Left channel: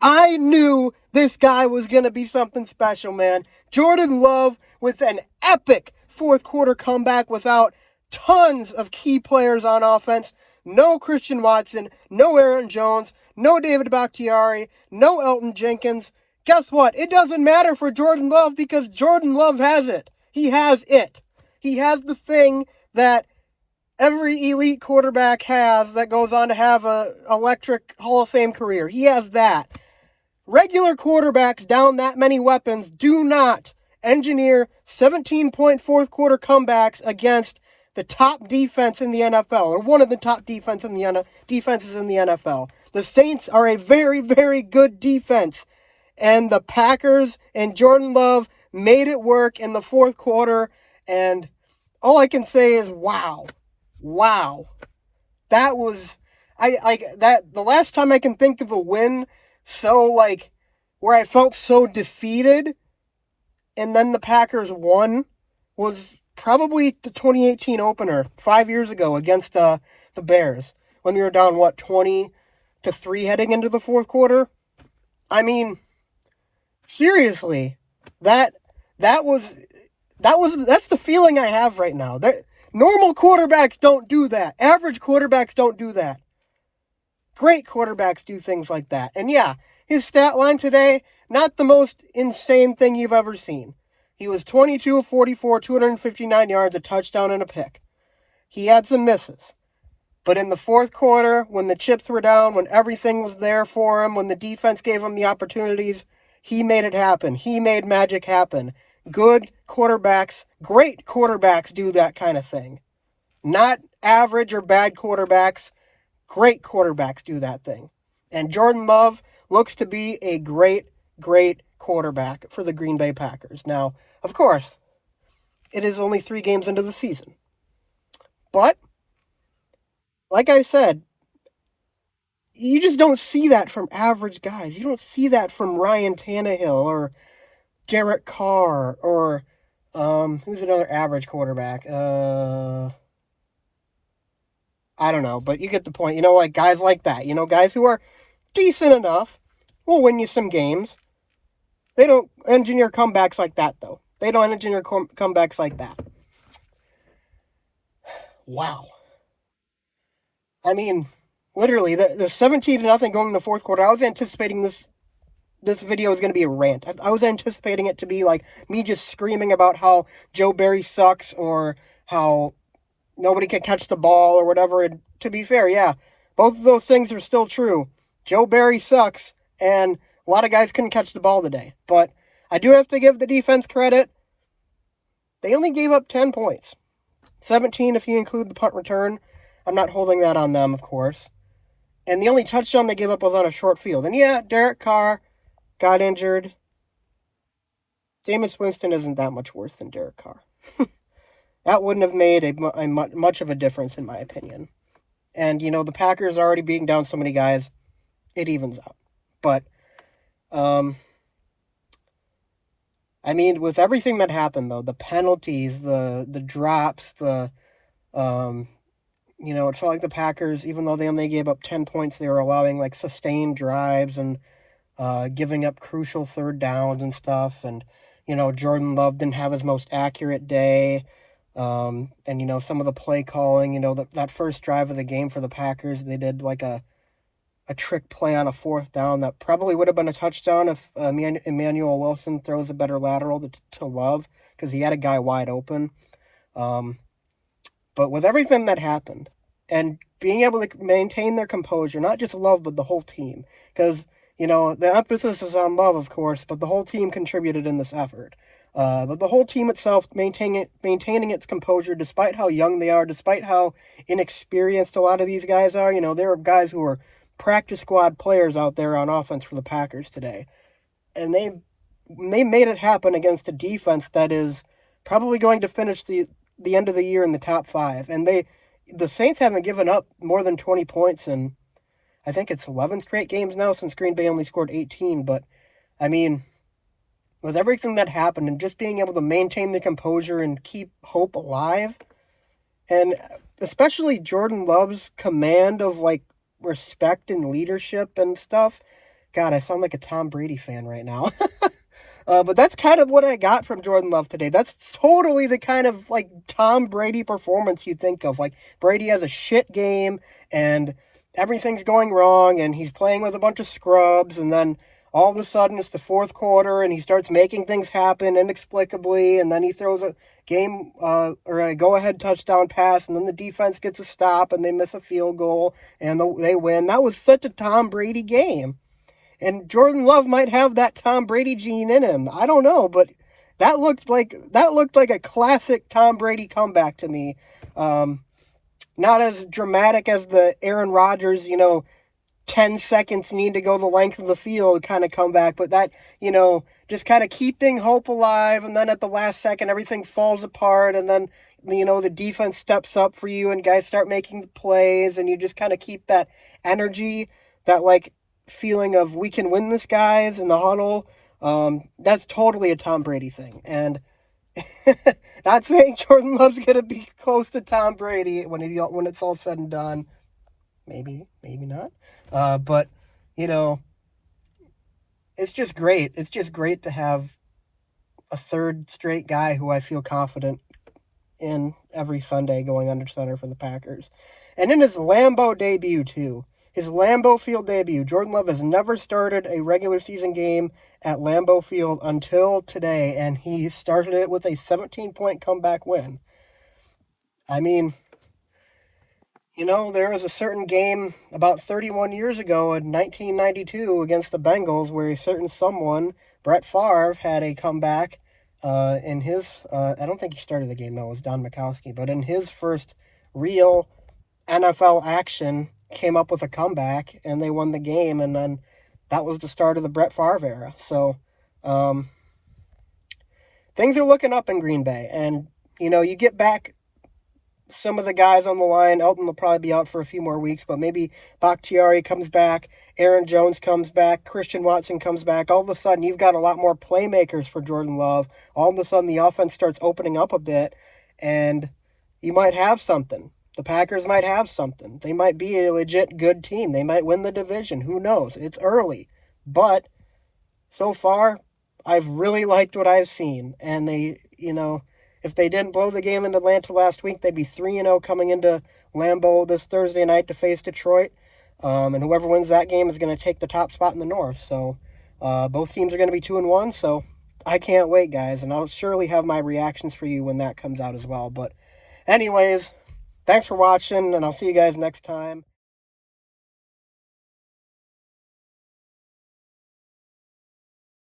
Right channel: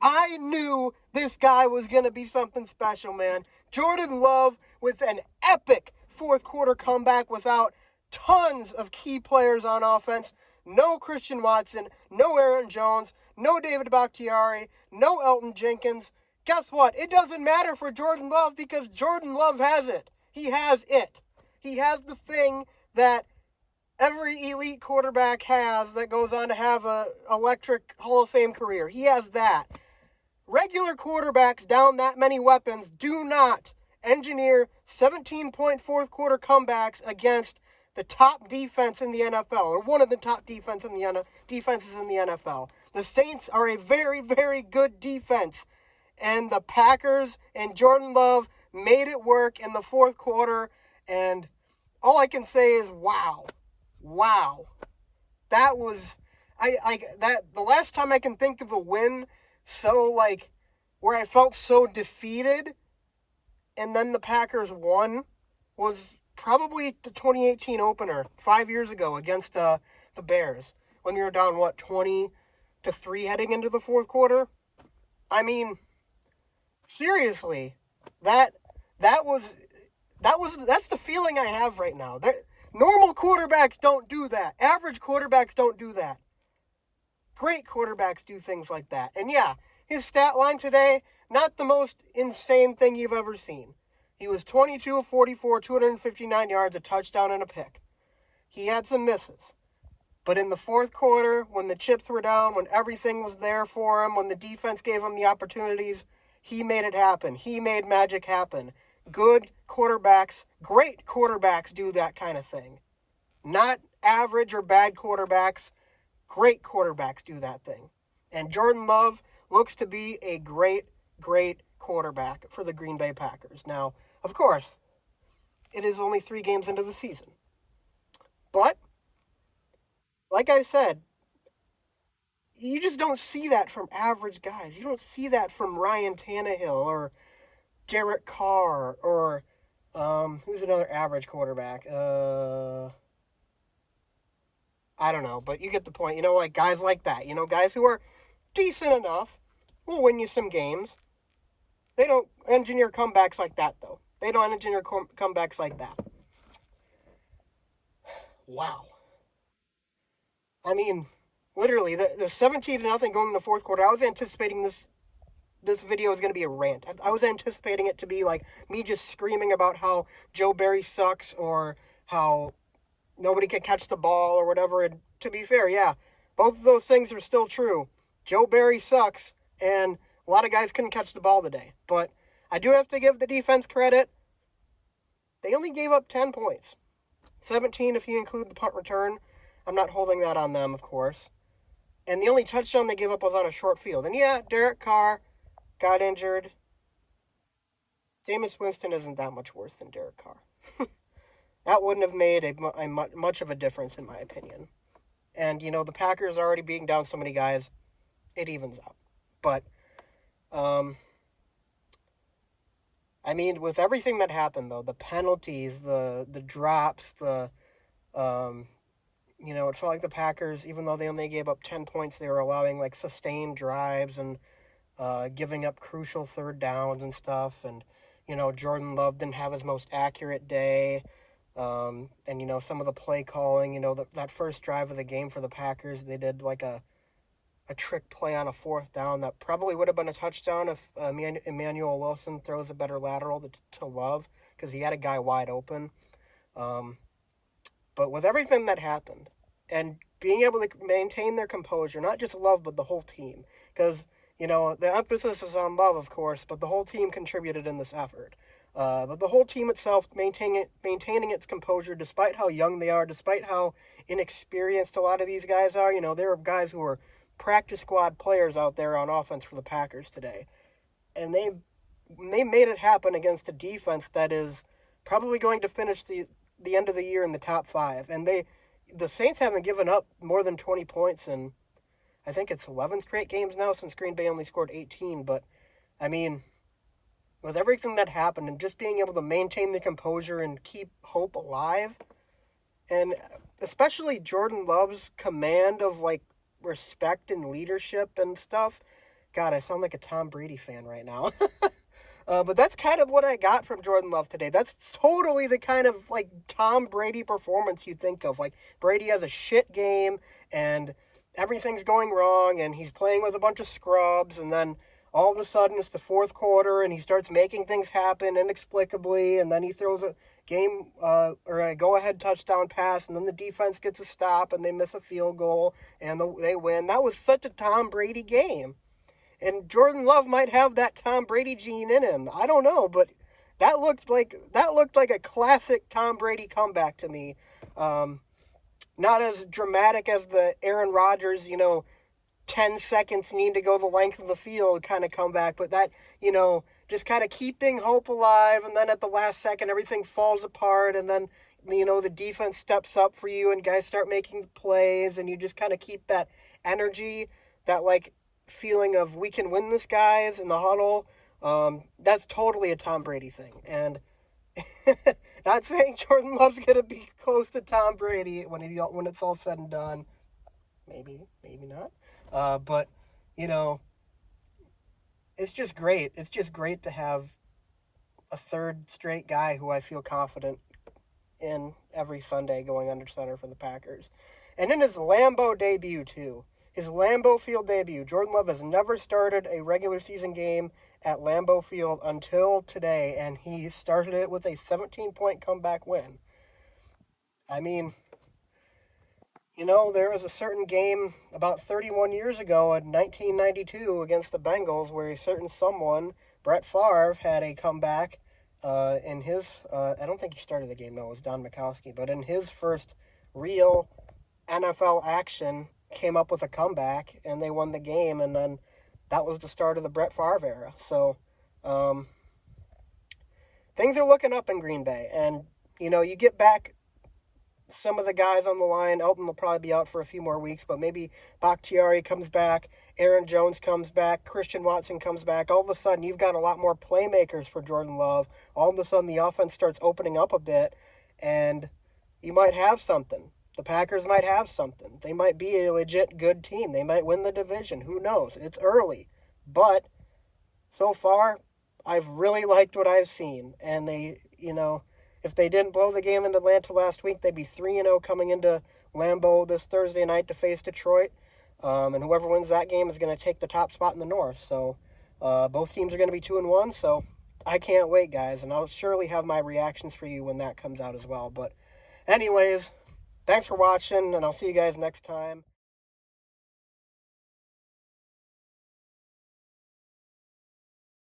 I knew this guy was going to be something special, man. Jordan Love with an epic fourth quarter comeback without tons of key players on offense. No Christian Watson, no Aaron Jones, no David Bakhtiari, no Elton Jenkins. Guess what? It doesn't matter for Jordan Love because Jordan Love has it. He has it. He has the thing that every elite quarterback has that goes on to have an electric Hall of Fame career. He has that. Regular quarterbacks down that many weapons do not engineer 17-point fourth quarter comebacks against the top defense in the NFL, or one of the top defenses in the NFL. The Saints are a very, very good defense, and the Packers and Jordan Love made it work in the fourth quarter, and all I can say is wow. Wow. That was the last time I can think of a win where I felt so defeated and then the Packers won was probably the 2018 opener 5 years ago against the Bears when we were down 20-3 heading into the fourth quarter. I mean, seriously, that's the feeling I have right now. Normal quarterbacks don't do that. Average quarterbacks don't do that. Great quarterbacks do things like that. And yeah, his stat line today, not the most insane thing you've ever seen. He was 22 of 44, 259 yards, a touchdown, and a pick. He had some misses. But in the fourth quarter, when the chips were down, when everything was there for him, when the defense gave him the opportunities, he made it happen. He made magic happen. Good quarterbacks, great quarterbacks do that kind of thing. Not average or bad quarterbacks. Great quarterbacks do that thing. And Jordan Love looks to be a great, great quarterback for the Green Bay Packers. Now, of course, it is only 3 games into the season. But, like I said, you just don't see that from average guys. You don't see that from Ryan Tannehill or Derek Carr or, who's another average quarterback? I don't know, but you get the point. Like guys like that. Guys who are decent enough will win you some games. They don't engineer comebacks like that, though. They don't engineer comebacks like that. Wow. I mean, literally, the 17-0 going in the fourth quarter. I was anticipating this video is going to be a rant. I was anticipating it to be like me just screaming about how Joe Barry sucks or how nobody can catch the ball or whatever. And to be fair, yeah, both of those things are still true. Joe Barry sucks, and a lot of guys couldn't catch the ball today. But I do have to give the defense credit. They only gave up 10 points. 17 if you include the punt return. I'm not holding that on them, of course. And the only touchdown they gave up was on a short field. And yeah, Derek Carr got injured. Jameis Winston isn't that much worse than Derek Carr. That wouldn't have made much of a difference, in my opinion. And, the Packers already being down so many guys, it evens out. But, I mean, with everything that happened, though, the penalties, the drops, it felt like the Packers, even though they only gave up 10 points, they were allowing, sustained drives and giving up crucial third downs and stuff. And, Jordan Love didn't have his most accurate day. And, some of the play calling, that first drive of the game for the Packers, they did a trick play on a fourth down that probably would have been a touchdown if Emmanuel Wilson throws a better lateral to Love because he had a guy wide open. But with everything that happened and being able to maintain their composure, not just Love, but the whole team, because, the emphasis is on Love, of course, but the whole team contributed in this effort. But the whole team itself maintaining its composure despite how young they are, despite how inexperienced a lot of these guys are. There are guys who are practice squad players out there on offense for the Packers today. And they made it happen against a defense that is probably going to finish the end of the year in the top 5. And the Saints haven't given up more than 20 points in, I think it's 11 straight games now since Green Bay only scored 18. But, I mean, with everything that happened and just being able to maintain the composure and keep hope alive, and especially Jordan Love's command of, respect and leadership and stuff, God, I sound like a Tom Brady fan right now. But that's kind of what I got from Jordan Love today. That's totally the kind of like Tom Brady performance you think of. Like Brady has a shit game and everything's going wrong and he's playing with a bunch of scrubs, and then all of a sudden it's the fourth quarter and he starts making things happen inexplicably, and then he throws a game or a go-ahead touchdown pass, and then the defense gets a stop and they miss a field goal and they win. That was such a Tom Brady game. And Jordan Love might have that Tom Brady gene in him. I don't know, but that looked like a classic Tom Brady comeback to me. Not as dramatic as the Aaron Rodgers, 10 seconds need to go the length of the field kind of comeback, but that, just kind of keeping hope alive, and then at the last second everything falls apart, and then the defense steps up for you and guys start making plays, and you just kind of keep that energy, that like feeling of we can win this, guys, in the huddle. That's totally a Tom Brady thing. And not saying Jordan Love's gonna be close to Tom Brady when it's all said and done. Maybe not. But it's just great. It's just great to have a third straight guy who I feel confident in every Sunday going under center for the Packers. And in his Lambeau debut too. His Lambeau Field debut. Jordan Love has never started a regular season game at Lambeau Field until today, and he started it with a 17-point comeback win. I mean, there was a certain game about 31 years ago in 1992 against the Bengals where a certain someone, Brett Favre, had a comeback in his, I don't think he started the game, no, it was Don Majkowski, but in his first real NFL action, came up with a comeback and they won the game, and then that was the start of the Brett Favre era. So things are looking up in Green Bay, and you get back some of the guys on the line. Elton will probably be out for a few more weeks, but maybe Bakhtiari comes back, Aaron Jones comes back, Christian Watson comes back. All of a sudden you've got a lot more playmakers for Jordan Love. All of a sudden the offense starts opening up a bit, and you might have something. The Packers might have something. They might be a legit good team. They might win the division. Who knows? It's early. But so far, I've really liked what I've seen. And they, if they didn't blow the game in Atlanta last week, they'd be 3-0 coming into Lambeau this Thursday night to face Detroit. And whoever wins that game is going to take the top spot in the North. So both teams are going to be 2-1. So I can't wait, guys. And I'll surely have my reactions for you when that comes out as well. But anyways, thanks for watching, and I'll see you guys next time.